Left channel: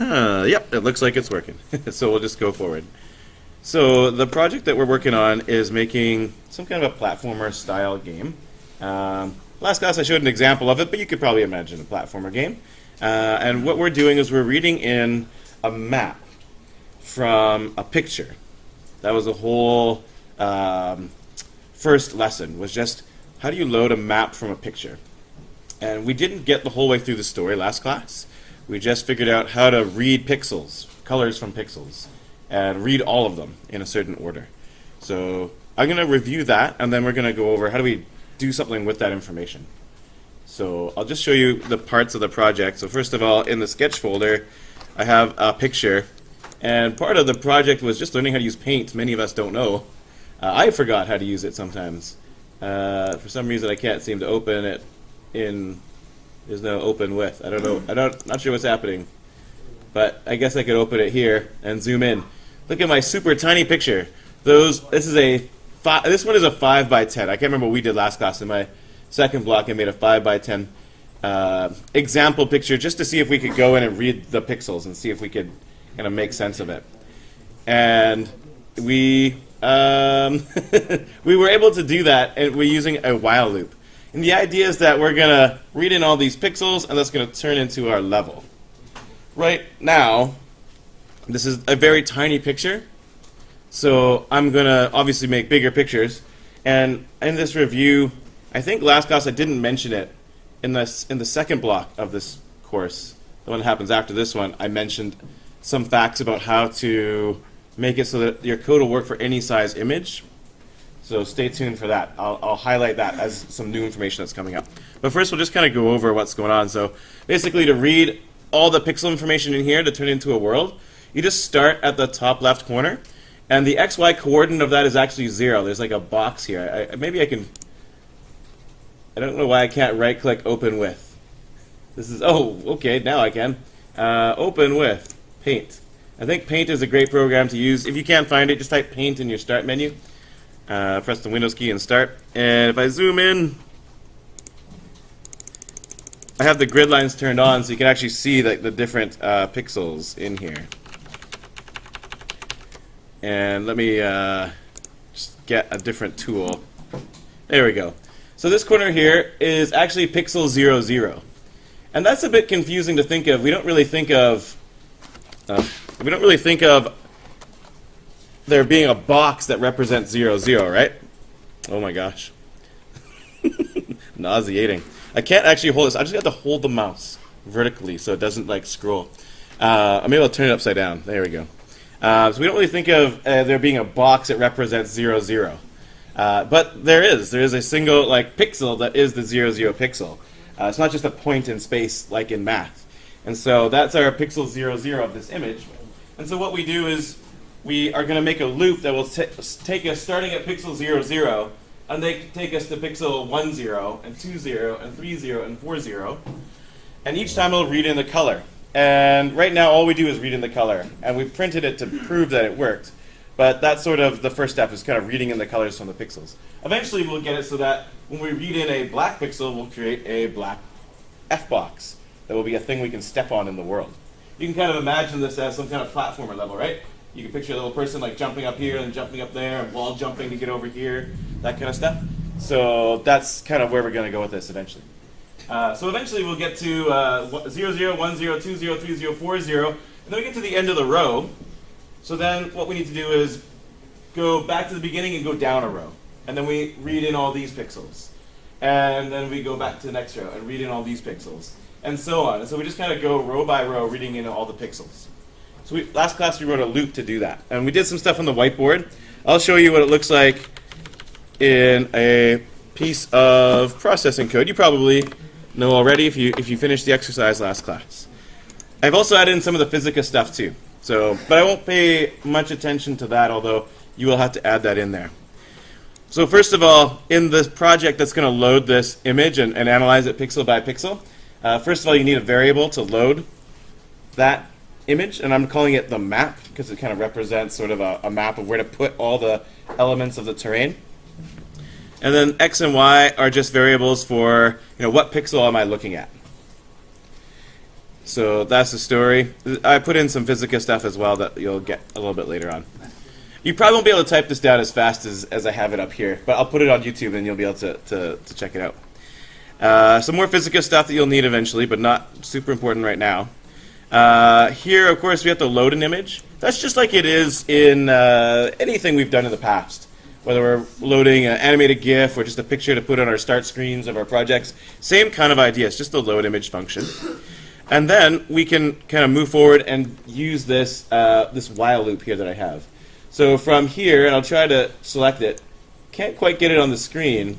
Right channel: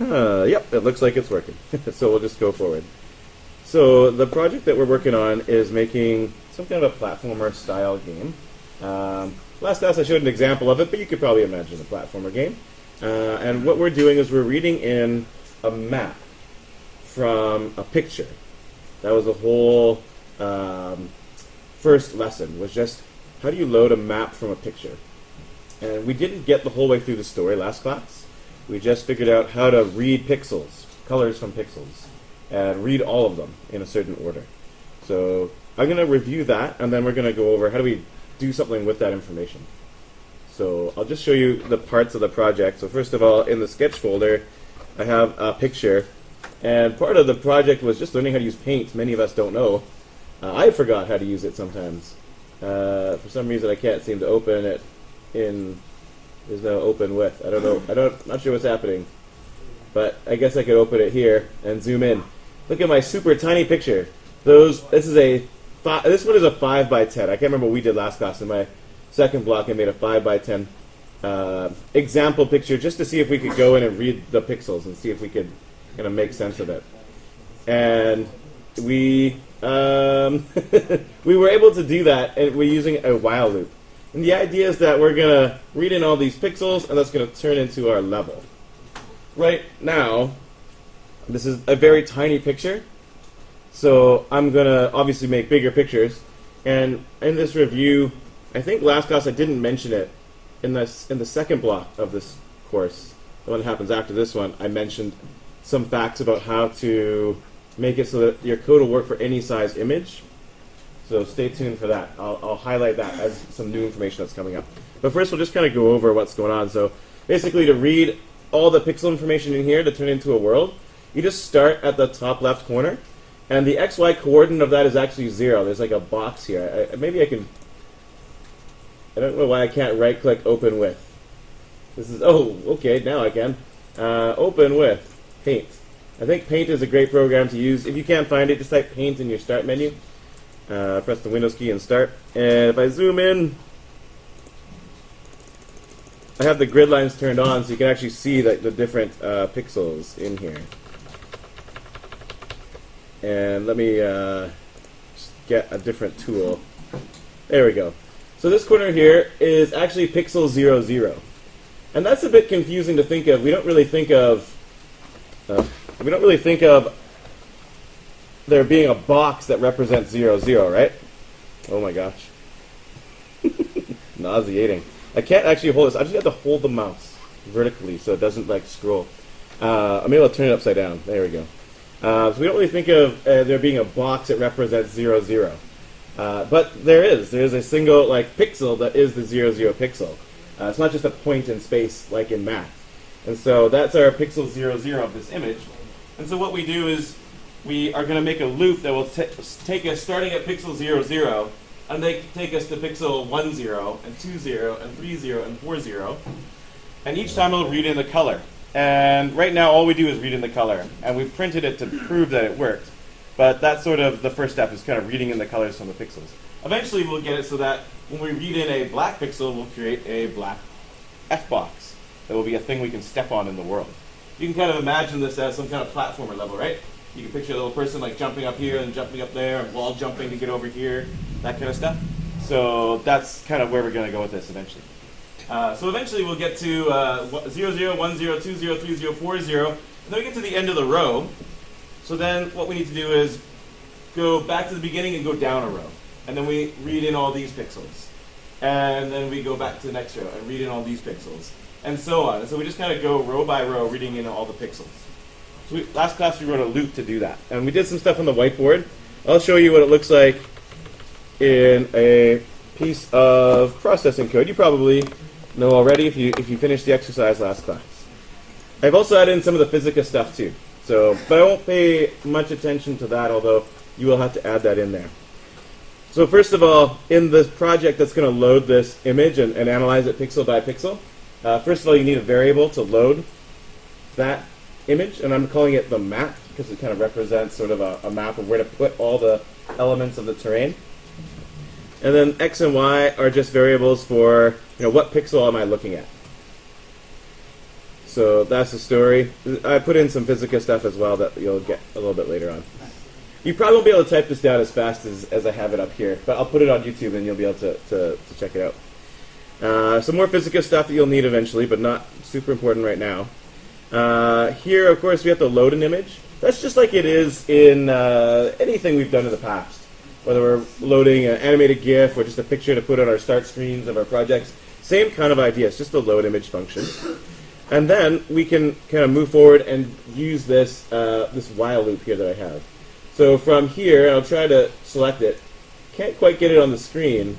Yep, it looks like it's working. So we'll just go forward. So the project that we're working on is making some kind of a platformer style game. Last class I showed an example of it, but you could probably imagine a platformer game. And what we're doing is we're reading in a map from a picture. That was the whole first lesson, was just how do you load a map from a picture. And we didn't get the whole way through the story last class. We just figured out how to read pixels, colors from pixels, and read all of them in a certain order. So I'm going to review that, and then we're going to go over how do we do something with that information. So I'll just show you the parts of the project. So first of all, in the sketch folder, I have a picture. And part of the project was just learning how to use paint. Many of us don't know. I forgot how to use it sometimes. For some reason, I can't seem to open it in... There's no open with. I don't know. Not sure what's happening. But I guess I could open it here and zoom in. Look at my super tiny picture. This one is a 5 by 10. I can't remember what we did last class. In my second block, I made a 5 by 10 example picture just to see if we could go in and read the pixels and see if we could kind of make sense of it. And we we were able to do that, and we're using a while loop. And the idea is that we're going to read in all these pixels, and that's going to turn into our level. Right now, this is a very tiny picture, so I'm going to obviously make bigger pictures. And in this review, I think last class I didn't mention it. In the second block of this course, the one that happens after this one, I mentioned some facts about how to make it so that your code will work for any size image. So stay tuned for that. I'll highlight that as some new information that's coming up. But first, we'll just kind of go over what's going on. So basically, to read all the pixel information in here to turn into a world, you just start at the top left corner. And the XY coordinate of that is actually 0. There's like a box here. Maybe I can... I don't know why I can't right-click Open With. This is... Oh, okay, now I can. Open With. Paint. I think Paint is a great program to use. If you can't find it, just type Paint in your Start menu. Press the Windows key and start. And if I zoom in, I have the grid lines turned on so you can actually see the different pixels in here. And let me just get a different tool. There we go. So this corner here is actually pixel 0, 0. And that's a bit confusing to think of. We don't really think of there being a box that represents 0, 0, right? Oh my gosh. Nauseating. I can't actually hold this. I just have to hold the mouse vertically so it doesn't like scroll. I'm able to turn it upside down. There we go. So we don't really think of there being a box that represents 0, 0. But there is. There is a single like pixel that is the 0, 0 pixel. It's not just a point in space like in math. And so that's our pixel 0, 0 of this image. And so what we do is we are going to make a loop that will take us starting at pixel 0, 0, and they take us to pixel 1, 0, and 2, 0, and 3, 0, and 4, 0. And each time it'll read in the color. And right now all we do is read in the color. And we printed it to prove that it worked. But that's sort of the first step, is kind of reading in the colors from the pixels. Eventually we'll get it so that when we read in a black pixel, we'll create a black F-box. That will be a thing we can step on in the world. You can kind of imagine this as some kind of platformer level, right? You can picture a little person like jumping up here and jumping up there and wall jumping to get over here, that kind of stuff. So that's kind of where we're going to go with this eventually. So eventually we'll get to 0, 0, 1, 0, 2, 0, 3, 0, 4, 0, and then we get to the end of the row. So then what we need to do is go back to the beginning and go down a row. And then we read in all these pixels. And then we go back to the next row and read in all these pixels. And so on. And so we just kind of go row by row reading in all the pixels. So last class we wrote a loop to do that. And we did some stuff on the whiteboard. I'll show you what it looks like in a piece of processing code. You probably know already if you finished the exercise last class. I've also added in some of the Fisica stuff too. But I won't pay much attention to that, although you will have to add that in there. So first of all, in this project that's going to load this image and analyze it pixel by pixel, first of all, you need a variable to load that image, and I'm calling it the map because it kind of represents sort of a map of where to put all the elements of the terrain. And then x and y are just variables for what pixel am I looking at. So that's the story. I put in some Fisica stuff as well that you'll get a little bit later on. You probably won't be able to type this down as fast as I have it up here, but I'll put it on YouTube and you'll be able to check it out. Some more Fisica stuff that you'll need eventually, but not super important right now. Here, of course, we have to load an image. That's just like it is in anything we've done in the past. Whether we're loading an animated GIF or just a picture to put on our start screens of our projects, same kind of idea. It's just a load image function. And then we can kind of move forward and use this this while loop here that I have. So from here, and I'll try to select it. Can't quite get it on the screen,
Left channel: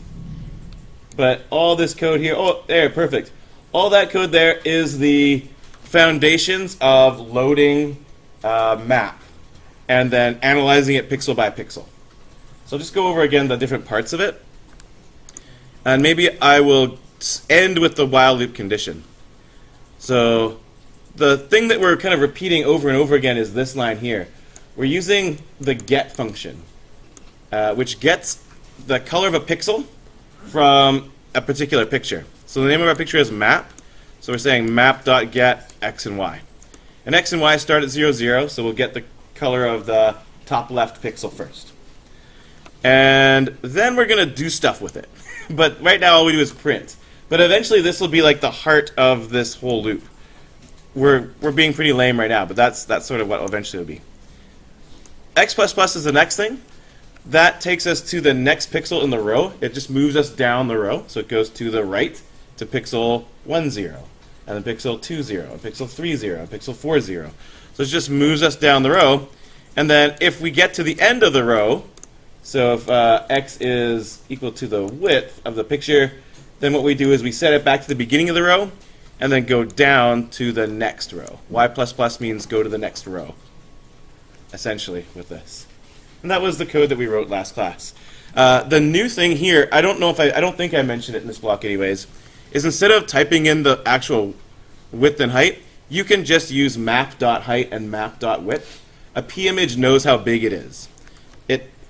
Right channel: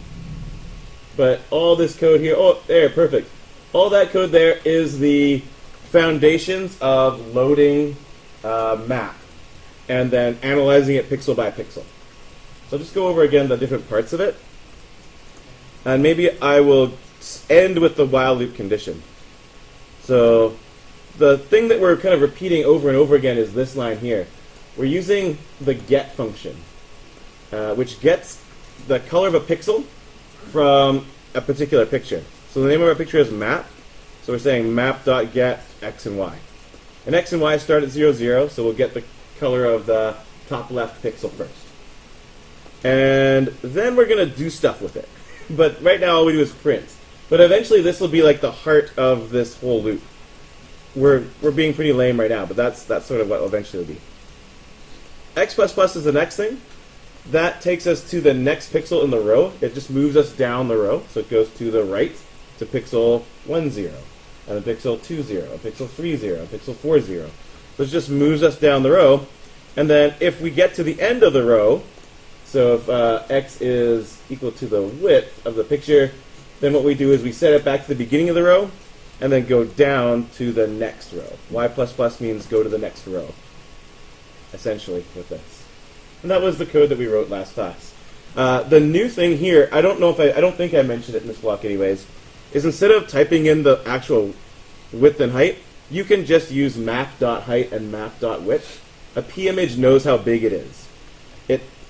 but all this code here, oh, there, perfect. All that code there is the foundations of loading map and then analyzing it pixel by pixel. So I'll just go over again the different parts of it. And maybe I will end with the while loop condition. So the thing that we're kind of repeating over and over again is this line here. We're using the get function, which gets the color of a pixel from a particular picture. So the name of our picture is map. So we're saying map.get x and y. And x and y start at 0, 0, so we'll get the color of the top left pixel first. And then we're going to do stuff with it. But right now all we do is print. But eventually this will be like the heart of this whole loop. We're being pretty lame right now, but that's sort of what eventually will be. X++ is the next thing. That takes us to the next pixel in the row. It just moves us down the row. So it goes to the right to pixel 1, 0, and then pixel 2, 0, and pixel 3, 0, and pixel 4, 0. So it just moves us down the row. And then if we get to the end of the row, so if x is equal to the width of the picture, then what we do is we set it back to the beginning of the row and then go down to the next row. Y++ means go to the next row, essentially, with this. And that was the code that we wrote last class. The new thing here, I don't think I mentioned it in this block anyways, is instead of typing in the actual width and height, you can just use map.height and map.width. A pimage knows how big it is.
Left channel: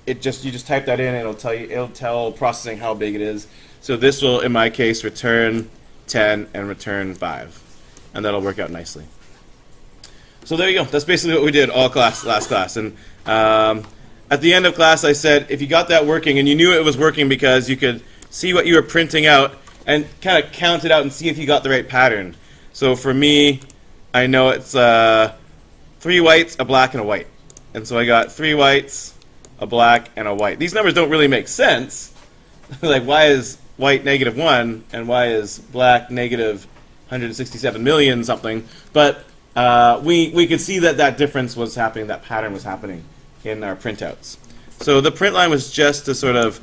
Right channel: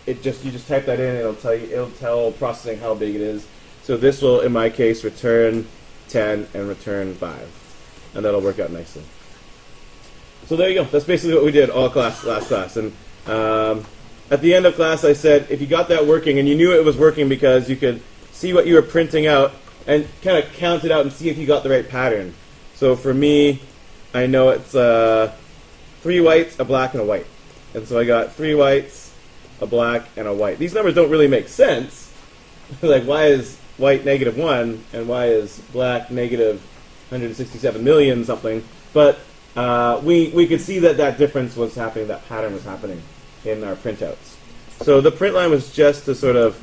You just type that in and it'll tell processing how big it is. So this will, in my case, return 10 and return 5. And that'll work out nicely. So there you go. That's basically what we did all last class. And at the end of class, I said, if you got that working, and you knew it was working because you could see what you were printing out and kind of count it out and see if you got the right pattern. So for me, I know it's 3 whites, a black, and a white. And so I got 3 whites, a black, and a white. These numbers don't really make sense. Like, why is white -1 and why is black -167 million something? But we could see that difference was happening, that pattern was happening in our printouts. So the print line was just to sort of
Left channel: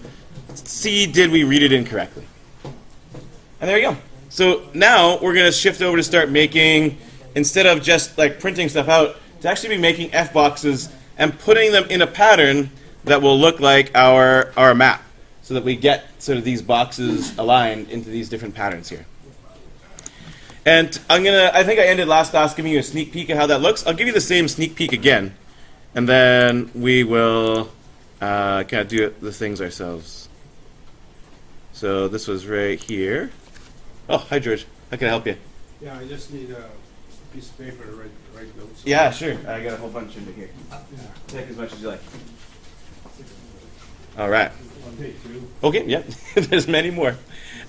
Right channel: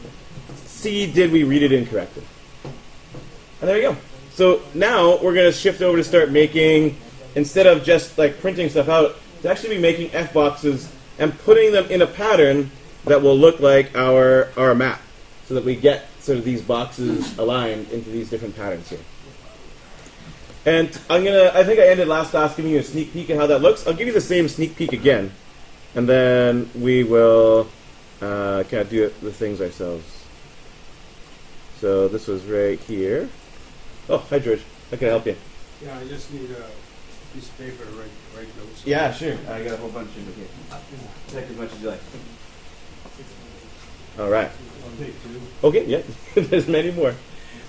see, did we read it incorrectly? And there you go. So now we're going to shift over to start making, instead of just like printing stuff out, to actually be making F boxes and putting them in a pattern that will look like our map, so that we get sort of these boxes aligned into these different patterns here. And I think I ended last class giving you a sneak peek at how that looks. I'll give you the same sneak peek again, and then we will kind of do the things ourselves. So this was right here. Oh, hi George. How can I help you? Yeah, I just need a piece of paper to write notes. Yeah, sure. I got a whole bunch in here. Yeah. Take as much as you like. All right. I'll take 2. Okay, yeah. There's many more.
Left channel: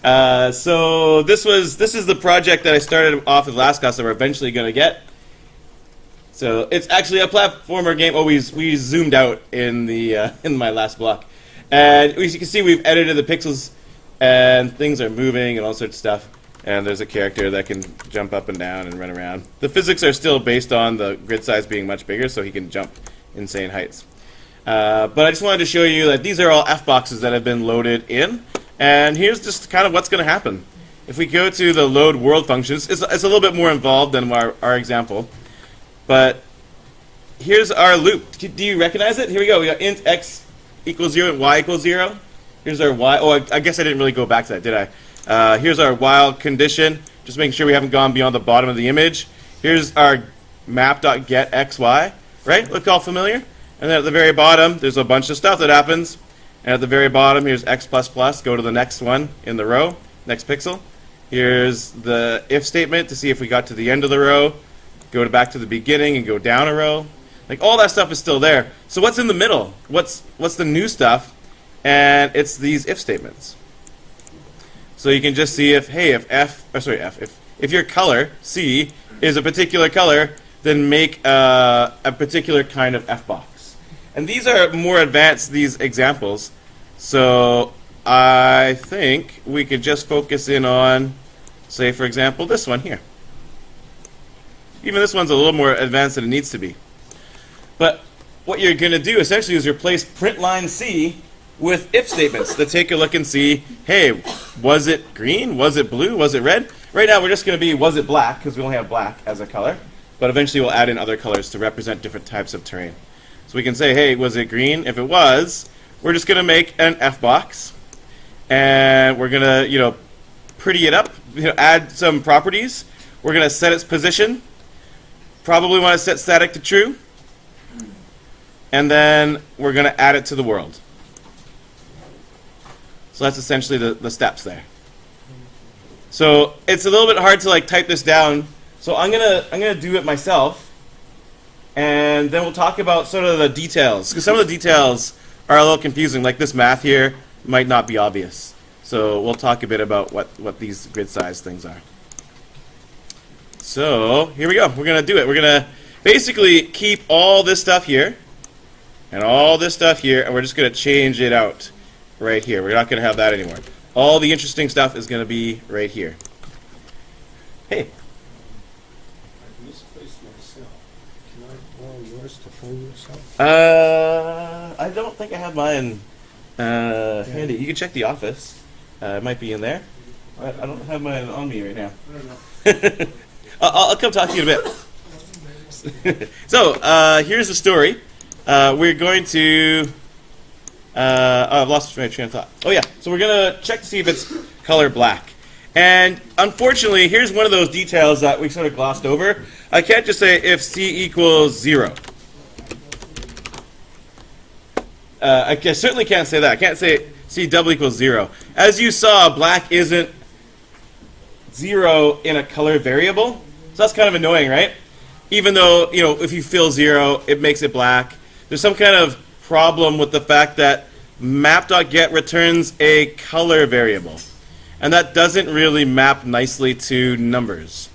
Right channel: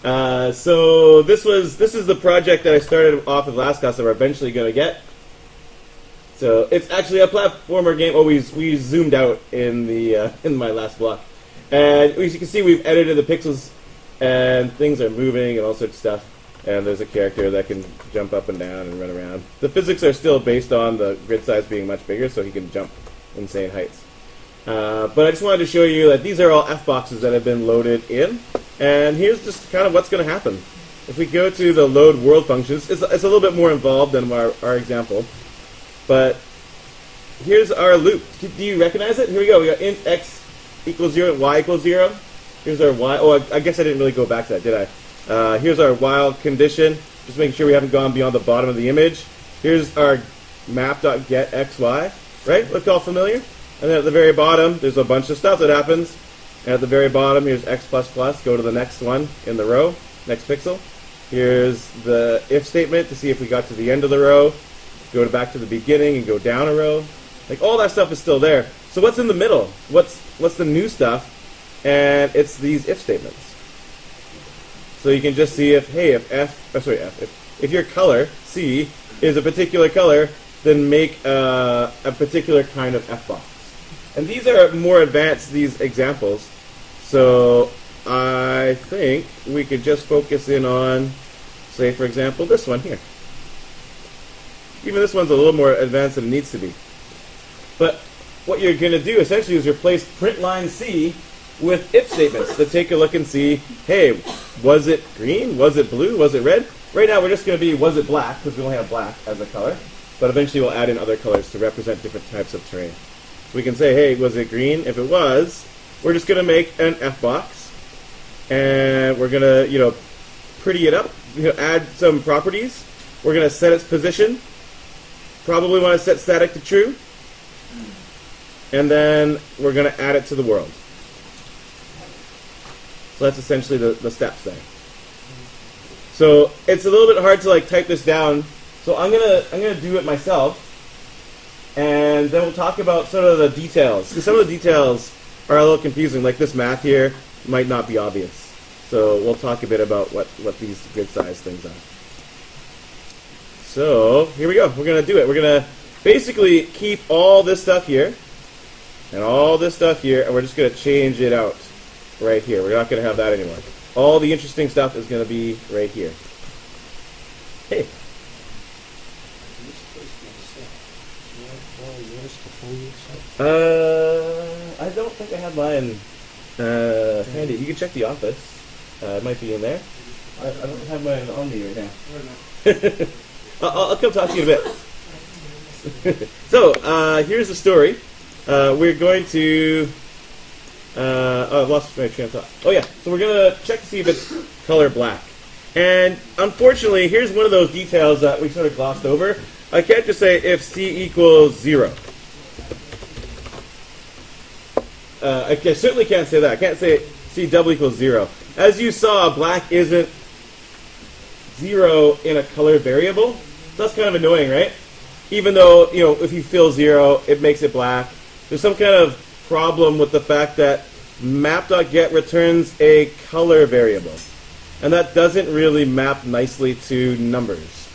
So this is the project that I started off with last class that we're eventually going to get. So it's actually a platformer game. Oh, we zoomed out in the in my last block, and as you can see, we've edited the pixels, and things are moving and all sorts of stuff. And there's a character that can jump up and down and run around. The physics are still based on the grid size being much bigger, so he can jump insane heights. But I just wanted to show you that these are all F boxes that have been loaded in. And here's just kind of what's going to happen. If we go to the load world functions, it's a little bit more involved than our example. But here's our loop. Do you recognize it? Here we go. We got int x equals 0 and y equals 0. Here's our y. Oh, I guess I didn't really go back to that, did I? Here's our while condition. Just making sure we haven't gone beyond the bottom of the image. Here's our map.getXy. Right? Look all familiar? And then at the very bottom, there's a bunch of stuff that happens. And at the very bottom, here's x++. Go to the next one in the row, next pixel. Here's the if statement to see if we got to the end of the row. Go back to the beginning and go down a row. Like all that stuff is still there. So what's in the middle? What's the new stuff? And it's these if statements. So you can just see if if your color C is a particular color, then make a particular kind of F box. And these are more advanced, these examples. So I think we could just focus in on, say for example, this one here. Even this one's a little more advanced than it needs to be. But what you're going to do essentially is replace print line C with if statements to take a look and see, hey, was it green? Was it blue? Was it red? Right now we're just going to be, was it black? Because we only have black as a color. But eventually we'll add in other colors to represent different types of terrain. So we can say, hey, was it green? If it was, we're just going to make an F box. And we're going to, pretty it up, add some properties. We're going to set its position. Probably want to set static to true. And then we're going to add it to the world. So that's essentially the steps there. So it's a little bit hard to type this down. So I'm gonna do it myself, and then we'll talk about sort of the details, because some of the details are a little confusing. Like this math here might not be obvious. So we'll talk a bit about what these grid size things are. So here we go. We're gonna do it. We're gonna basically keep all this stuff here and all this stuff here, and we're just gonna change it out right here. We're not gonna have that anymore. All the interesting stuff is gonna be right here. Hey. I don't think I have mine handy. You can check the office. It might be in there. I don't have mine on me right now. I'll come talk to you in a bit. So, here's the story. We're going to... I've lost my train of thought. Oh yeah, so we're going to check to see if it's color black. And unfortunately, here's one of those details that we sort of glossed over. I can't just say if C equals 0. I certainly can't say that. I can't say C double equals 0. As you saw, black isn't 0 in a color variable. So that's kind of annoying, right? Even though, if you fill 0, it makes it black. There's some kind of problem with the fact that map.get returns a color variable. And that doesn't really map nicely to numbers.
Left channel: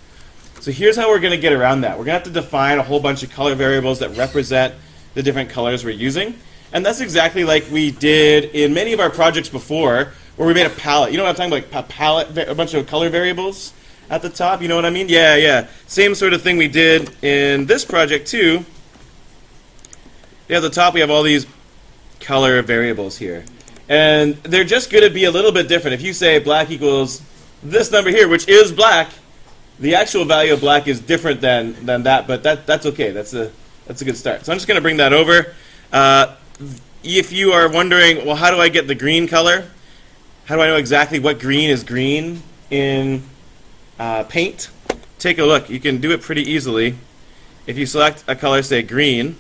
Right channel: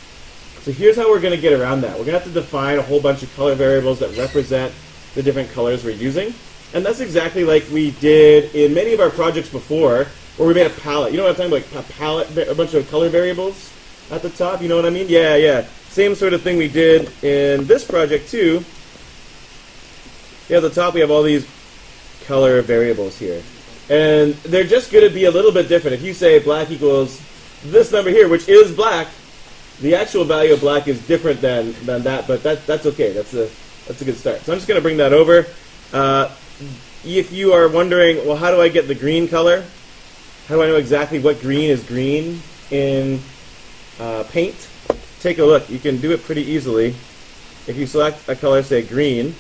So here's how we're going to get around that. We're going to have to define a whole bunch of color variables that represent the different colors we're using. And that's exactly like we did in many of our projects before, where we made a palette. You know what I'm talking about? Like a palette, a bunch of color variables at the top. You know what I mean? Yeah. Same sort of thing we did in this project too. Yeah, at the top we have all these color variables here. And they're just going to be a little bit different. If you say black equals this number here, which is black, the actual value of black is different than that, but that's okay. That's a good start. So I'm just going to bring that over. If you are wondering, well, how do I get the green color? How do I know exactly what green is green in Paint? Take a look. You can do it pretty easily. If you select a color, say green,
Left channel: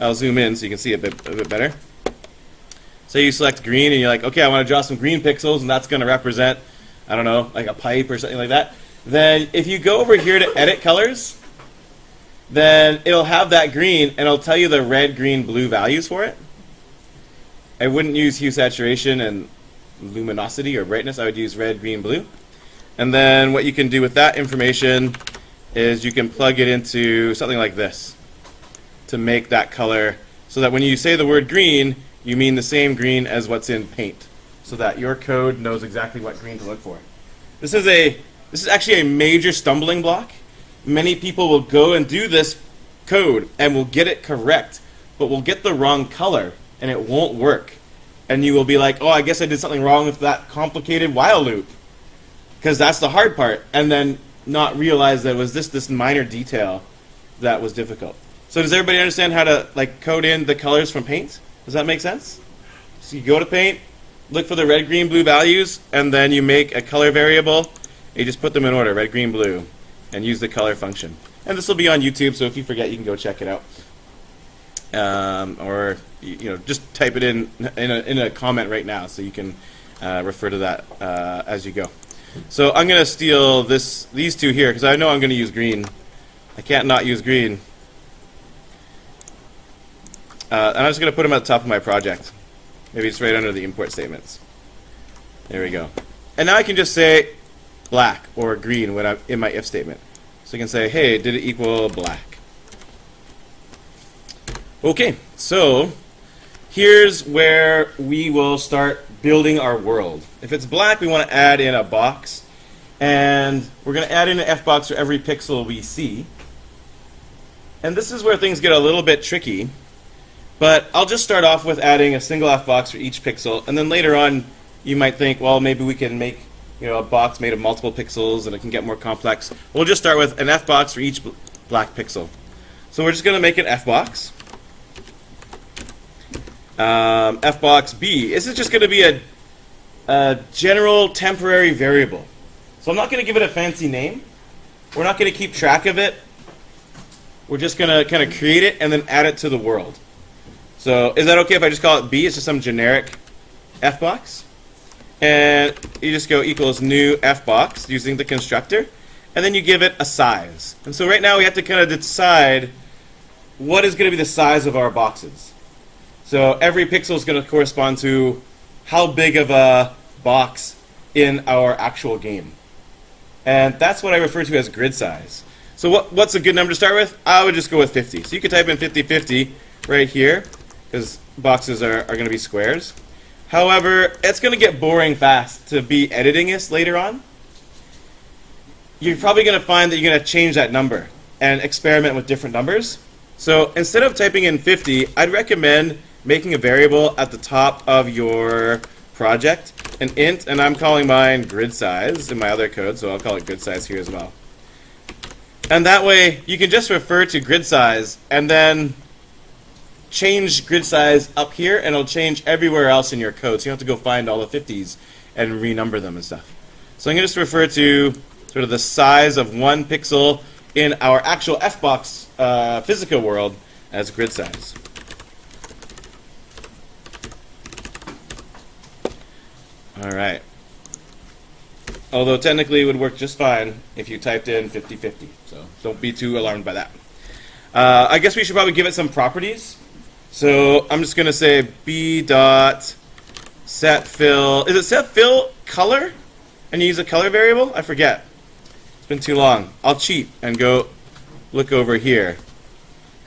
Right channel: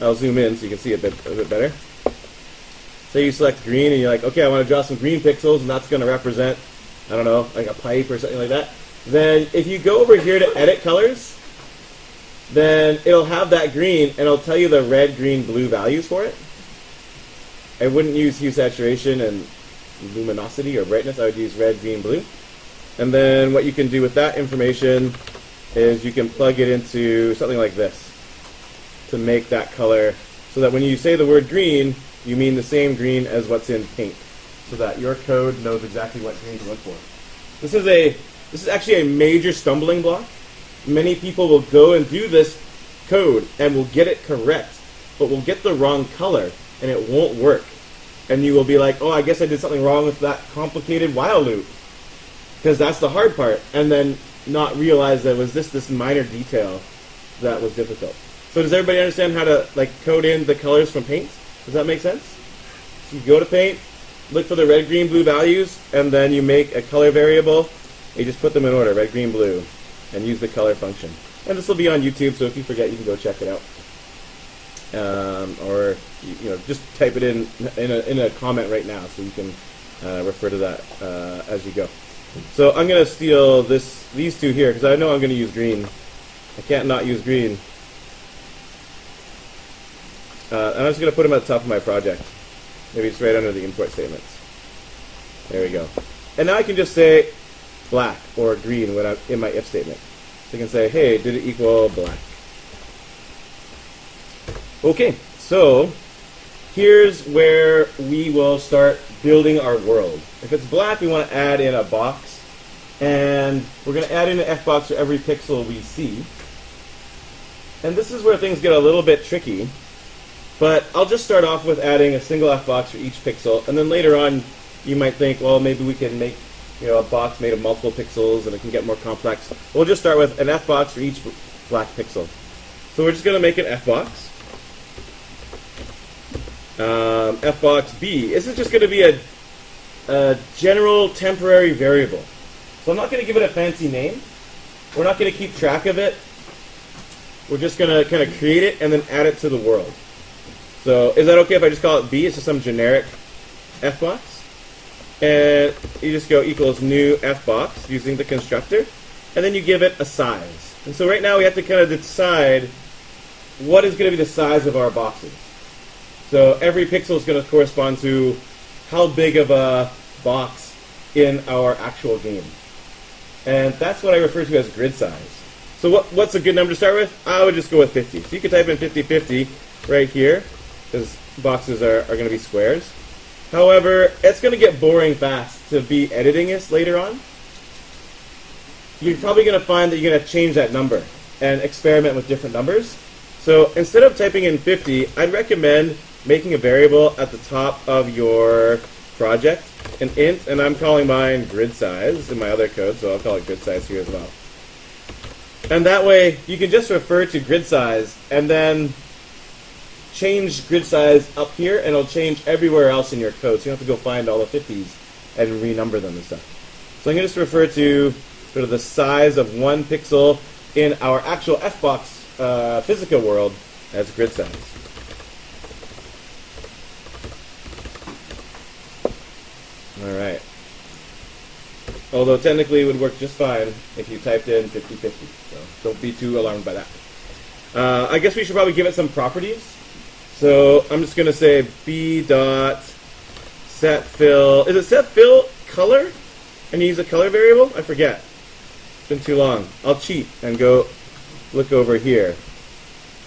I'll zoom in so you can see it a bit better. So you select green and you're like, okay, I want to draw some green pixels, and that's going to represent, I don't know, like a pipe or something like that. Then if you go over here to edit colors, then it'll have that green and it'll tell you the red, green, blue values for it. I wouldn't use hue saturation and luminosity or brightness. I would use red, green, blue. And then what you can do with that information is you can plug it into something like this to make that color so that when you say the word green, you mean the same green as what's in Paint, so that your code knows exactly what green to look for. This is actually a major stumbling block. Many people will go and do this code and will get it correct, but will get the wrong color and it won't work. And you will be like, oh, I guess I did something wrong with that complicated while loop, because that's the hard part, and then not realize that it was this minor detail that was difficult. So does everybody understand how to code in the colors from Paint? Does that make sense? So you go to Paint, look for the red, green, blue values, and then you make a color variable. And you just put them in order, red, green, blue, and use the color function. And this will be on YouTube, so if you forget, you can go check it out. Or just type it in a comment right now, so you can refer to that as you go. So I'm going to steal these two here because I know I'm going to use green. I can't not use green. And I'm just going to put them at the top of my project. Maybe it's right under the import statements. There we go. And now I can just say black or green when I'm in my if statement. So I can say, hey, did it equal black? Okay, so here's where we will start building our world. If it's black, we want to add in a box. And we're going to add in an F box for every pixel we see. And this is where things get a little bit tricky. But I'll just start off with adding a single F box for each pixel. And then later on, you might think, well, maybe we can make a box made of multiple pixels and it can get more complex. We'll just start with an F box for each black pixel. So we're just going to make an F box. F box B. This is just going to be a general temporary variable. So I'm not going to give it a fancy name. We're not going to keep track of it. We're just going to kind of create it and then add it to the world. So is that okay if I just call it B? It's just some generic F box. And you just go equals new F box using the constructor. And then you give it a size. And so right now we have to kind of decide what is going to be the size of our boxes. So every pixel is going to correspond to how big of a box in our actual game. And that's what I refer to as grid size. So what's a good number to start with? I would just go with 50. So you could type in 50/50 right here, because boxes are going to be squares. However, it's going to get boring fast to be editing this later on. You're probably going to find that you're going to change that number and experiment with different numbers. So instead of typing in 50, I'd recommend making a variable at the top of your project, an int, and I'm calling mine grid size in my other code, so I'll call it grid size here as well. And that way, you can just refer to grid size and then change grid size up here, and it'll change everywhere else in your code. So you don't have to go find all the 50s and renumber them and stuff. So I'm going to just refer to sort of the size of one pixel in our actual Fbox Fisica world as grid size. All right. Although technically it would work just fine if you typed in 50/50. So don't be too alarmed by that. I guess we should probably give it some properties. So I'm just going to say b dot set fill. Is it set fill color? And you use a color variable? I forget. It's been too long. I'll cheat and go look over here.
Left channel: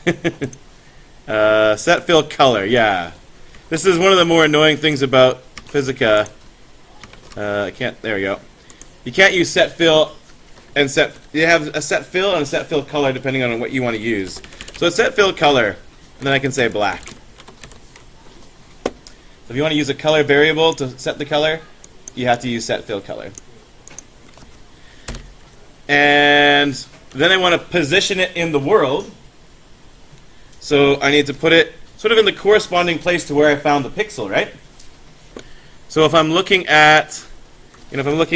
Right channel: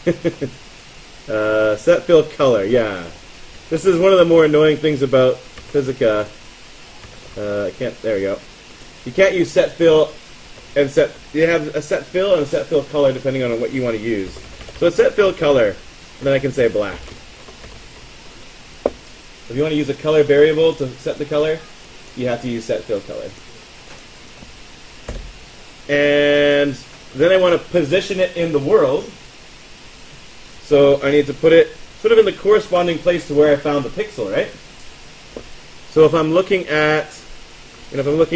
Set fill color, yeah. This is one of the more annoying things about Fisica. I can't, there we go. You can't use set fill and set, you have a set fill and a set fill color depending on what you want to use. So it's set fill color. And then I can say black. If you want to use a color variable to set the color, you have to use set fill color. And then I want to position it in the world. So I need to put it sort of in the corresponding place to where I found the pixel, right? So if I'm looking at, this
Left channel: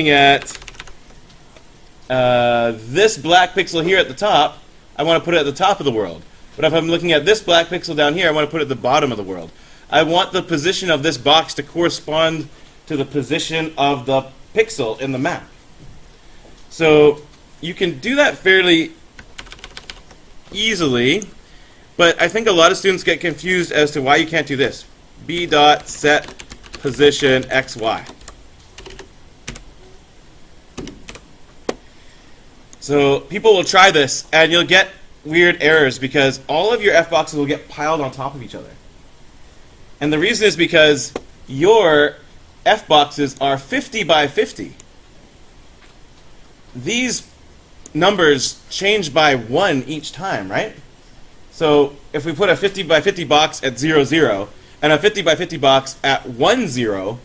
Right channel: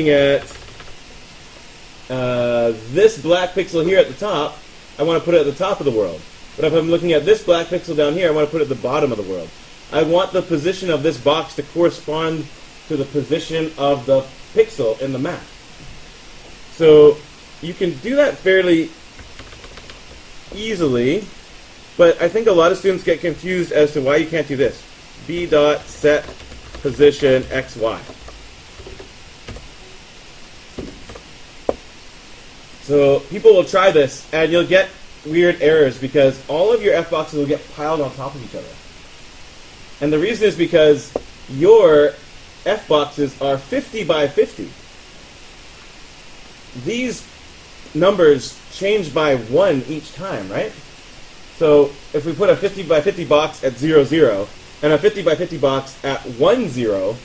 black pixel here at the top, I want to put it at the top of the world. But if I'm looking at this black pixel down here, I want to put it at the bottom of the world. I want the position of this box to correspond to the position of the pixel in the map. So you can do that fairly easily, but I think a lot of students get confused as to why you can't do this. b dot set position xy. So people will try this, and you'll get weird errors because all of your F boxes will get piled on top of each other. And the reason is because your F boxes are 50 by 50. These numbers change by 1 each time, right? So if we put a 50 by 50 box at 0, 0, and a 50 by 50 box at 1, 0,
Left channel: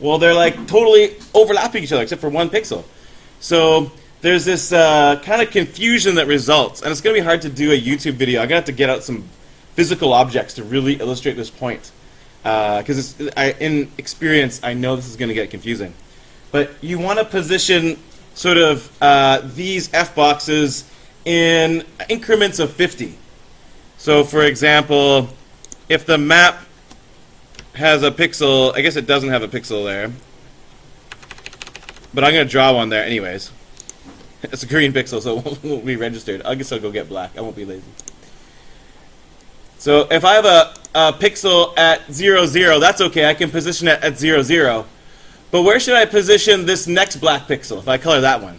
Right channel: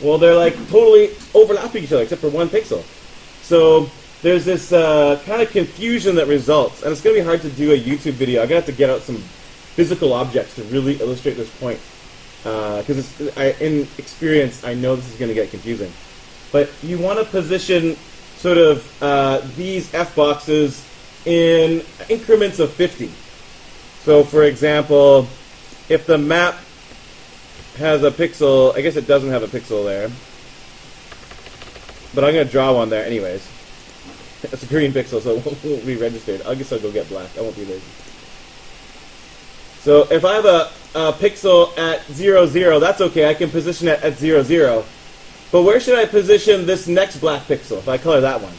well, they're like totally overlapping each other except for 1 pixel. So there's this kind of confusion that results, and it's going to be hard to do a YouTube video. I'm going to have to get out some physical objects to really illustrate this point, because in experience, I know this is going to get confusing. But you want to position sort of these F boxes in increments of 50. So for example, if the map has a pixel, I guess it doesn't have a pixel there. But I'm going to draw one there anyways. It's a green pixel, so it won't be registered. I guess I'll go get black. I won't be lazy. So if I have a pixel at 0, 0, that's okay. I can position it at 0, 0. But where should I position this next black pixel if I color that one?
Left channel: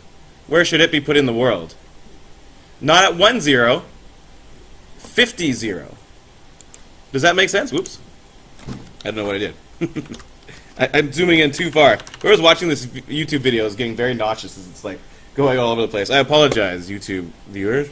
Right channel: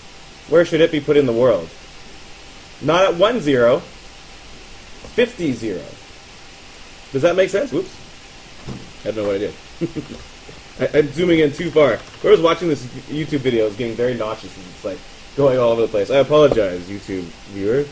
Where should it be put in the world? Not at 1, 0. 50, 0. Does that make sense? Whoops. I don't know what I did. I'm zooming in too far. Whoever's watching this YouTube video is getting very nauseous. It's like going all over the place. I apologize, YouTube viewers.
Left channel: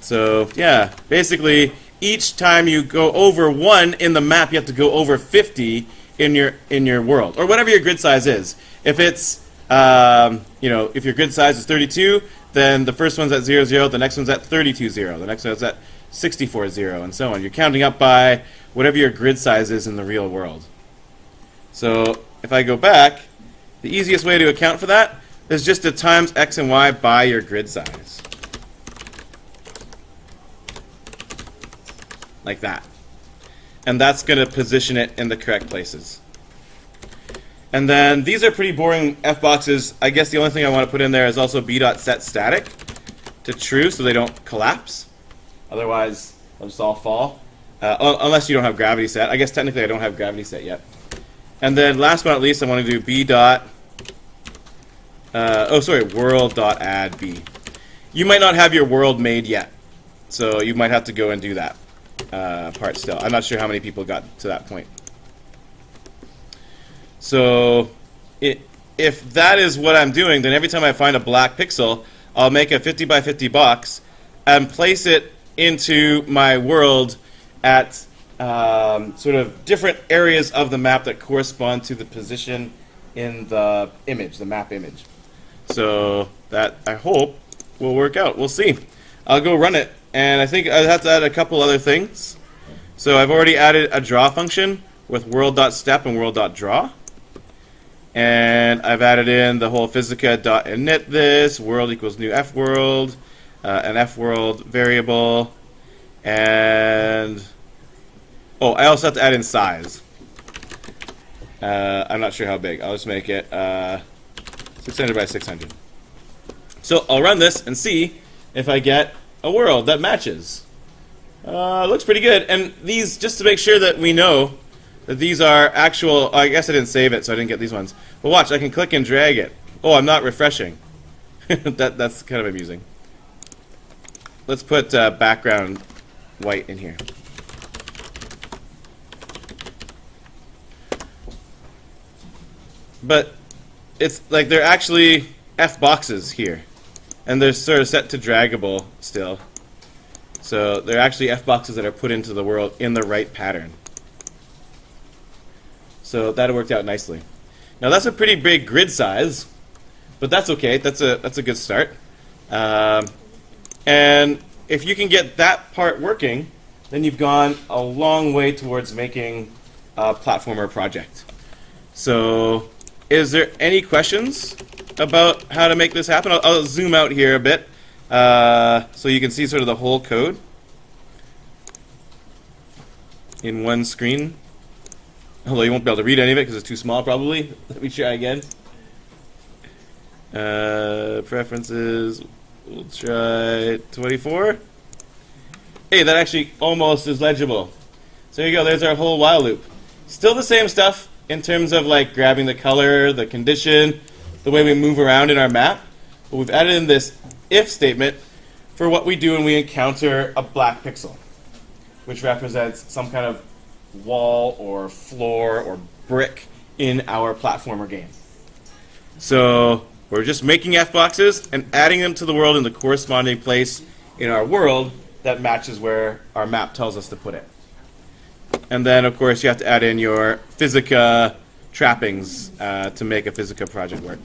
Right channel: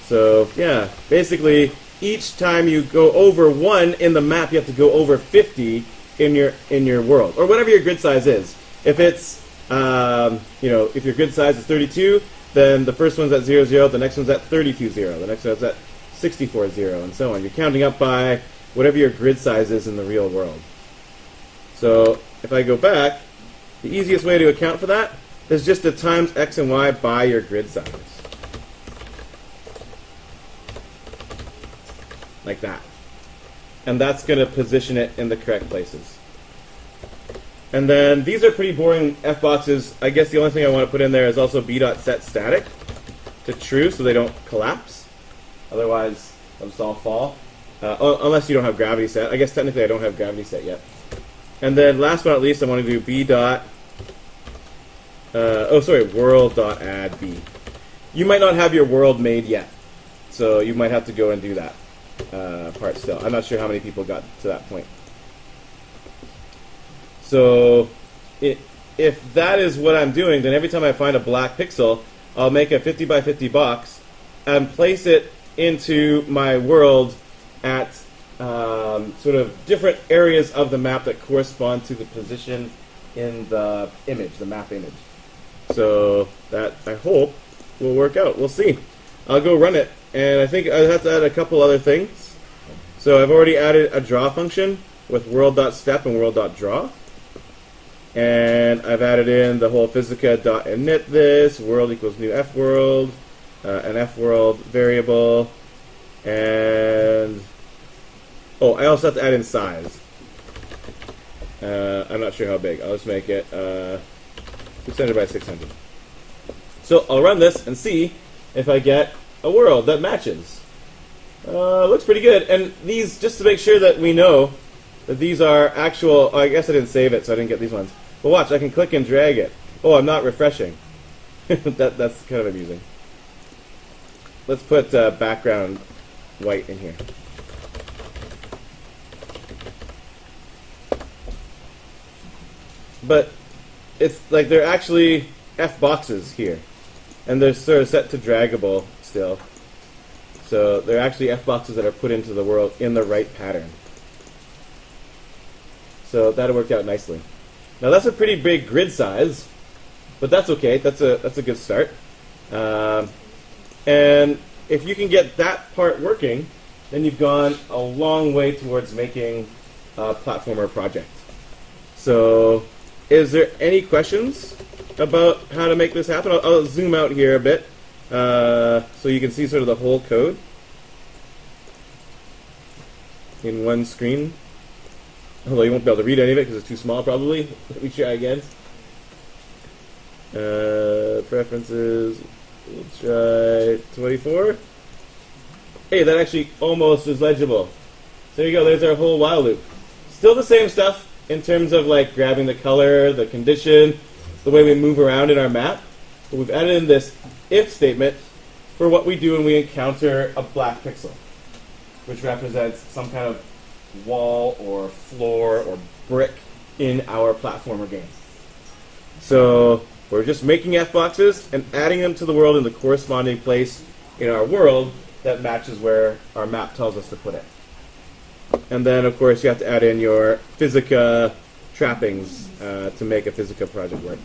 So, yeah. Basically, each time you go over 1 in the map, you have to go over 50 in your world. Or whatever your grid size is. If it's, if your grid size is 32, then the first one's at 0, 0, the next one's at 32, 0, the next one's at 64, 0, and so on. You're counting up by whatever your grid size is in the real world. So if I go back, the easiest way to account for that is just to times x and y by your grid size. Like that. And that's going to position it in the correct places. And then these are pretty boring F boxes. I guess the only thing I want to put in there is also b.set static to true so they don't collapse. Otherwise, they'll just all fall. Unless you don't have gravity set. I guess technically I don't have gravity set yet. And then last but not least, I want to do world.add b. You might not have your world made yet. So you might have to go and do that part still. I'm not sure how many people got to that point. So if that is what I'm doing, then every time I find a black pixel, I'll make a 50 by 50 box and place it into my world at sort of different areas of the map that correspond to the position in the image, the map image. So that, I hope, will work out. We'll see. I'll go run it, and I think I have to add a couple other things. So I've already added a draw function with world.step and world.draw. And I've added in the whole Fisica.init this, world equals new fworld, an fworld variable, and I also have to add in size. I'm not sure how big. I'll just make it 600 by 600. So I'll run this and see if I get a world that matches. Looks pretty good. And these, just to make sure that we know that these are actual, I guess I didn't save it, so I didn't get these ones. But watch, I can click and drag it. Oh, I'm not refreshing. That's kind of amusing. Let's put background white in here. But it's like they're actually F boxes here. And they're sort of set to draggable still. So they're actually F boxes that are put into the world in the right pattern. So that worked out nicely. Now that's a pretty big grid size, but that's okay. That's a good start. And if you can get that part working, then you've gone a long way towards making a platformer project. So is there any questions about how to make this happen? I'll zoom out here a bit so you can see sort of the whole code in one screen. Although you won't be able to read any of it because it's too small probably. Let me try again. Preferences, we'll try 24. Hey, that actually almost is legible. So there you go, there's our whole while loop. Still the same stuff in terms of like grabbing the color, the condition, the way we move around in our map. But we've added in this if statement for what we do when we encounter a black pixel, which represents some kind of wall or floor or brick in our platformer game. So we're just making F boxes and adding them to the world in the corresponding place in our world that matches where our map tells us to put it. And then of course you have to add in your Fisica trappings to make a Fisica project work.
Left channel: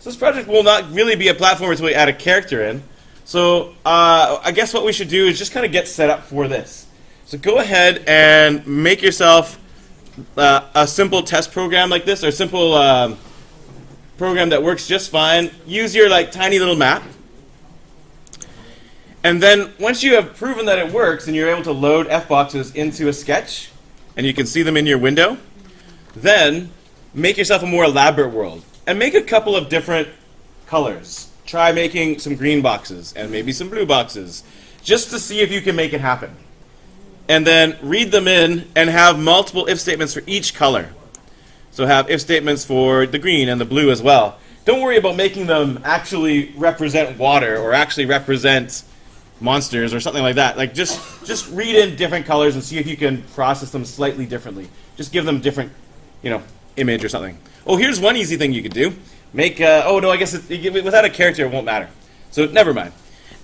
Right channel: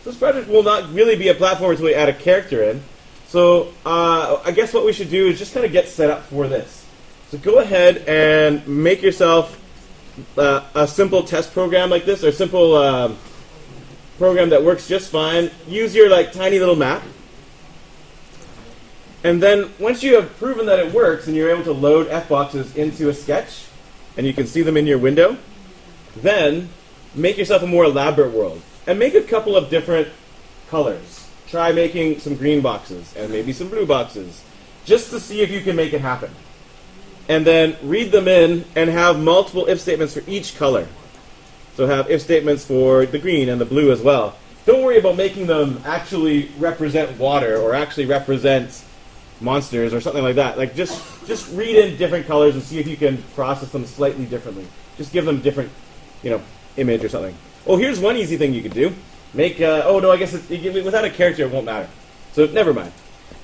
So this project will not really be a platformer until we add a character in. So I guess what we should do is just kind of get set up for this. So go ahead and make yourself a simple test program like this, or a simple program that works just fine. Use your like tiny little map. And then once you have proven that it works and you're able to load F boxes into a sketch, and you can see them in your window, then make yourself a more elaborate world. And make a couple of different colors. Try making some green boxes and maybe some blue boxes, just to see if you can make it happen. And then read them in and have multiple if statements for each color. So have if statements for the green and the blue as well. Don't worry about making them actually represent water or actually represent monsters or something like that. Like just read in different colors and see if you can process them slightly differently. Just give them different, image or something. Oh, here's one easy thing you could do. Make, oh no, I guess without a character it won't matter. So never mind.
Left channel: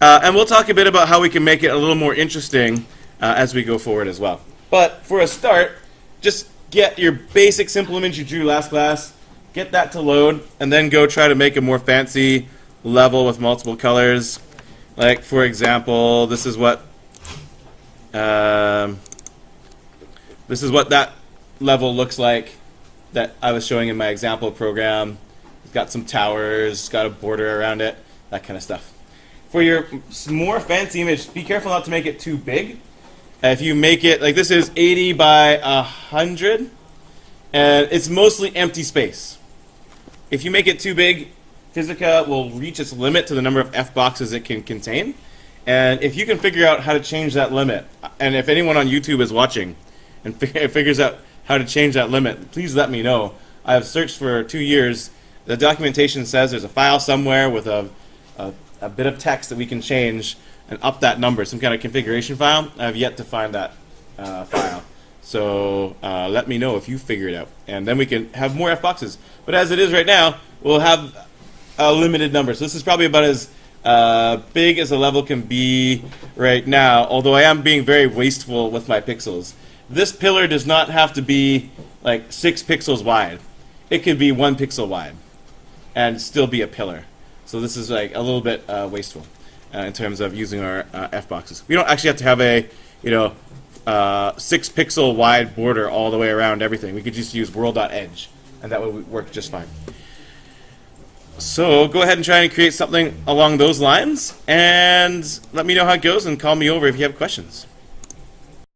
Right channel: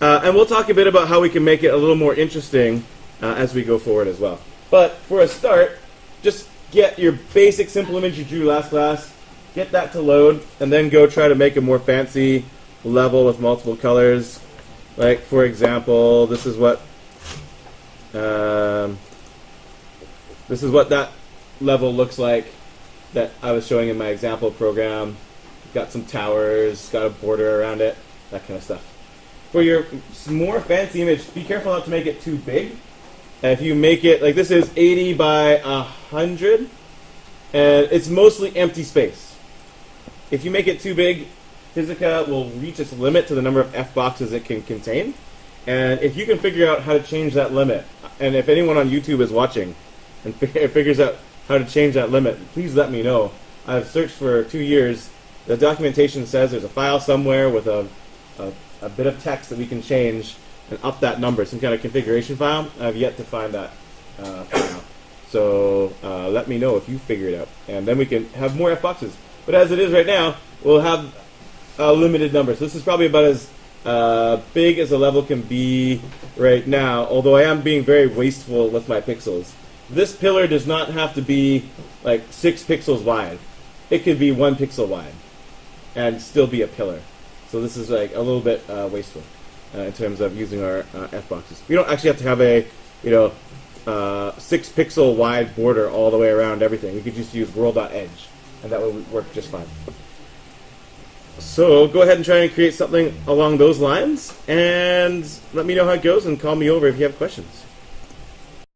And we'll talk a bit about how we can make it a little more interesting as we go forward as well. But for a start, just get your basic simple image you drew last class, get that to load, and then go try to make a more fancy level with multiple colors. Like, for example, this is what that level looks like that I was showing in my example program. Got some towers, got a border around it, that kind of stuff. For your more fancy image, be careful not to make it too big. If you make it, like this is 80 by 100, and it's mostly empty space. If you make it too big, Fisica will reach its limit to the number of F boxes it can contain. And if you can figure out how to change that limit, and if anyone on YouTube is watching and figures out how to change that limit, please let me know. I have searched for 2 years. The documentation says there's a file somewhere with a bit of text that we can change and up that number, some kind of configuration file. I have yet to find that file. So let me know if you figure it out. And then we can have more F boxes. But as it is right now, we'll have a limited number. So this is probably about as big as a level can be right now, although I am being very wasteful with my pixels. This pillar does not have to be like 6 pixels wide. It could be 1 pixel wide and still be a pillar. So this is like a little bit wasteful in terms of using our F boxes. We don't actually have to have a 6 pixel wide border all the way around everything. We could just use world.edge and that would work just fine. So go ahead and try and create something along those lines and let me know how it goes and call me over if you have questions.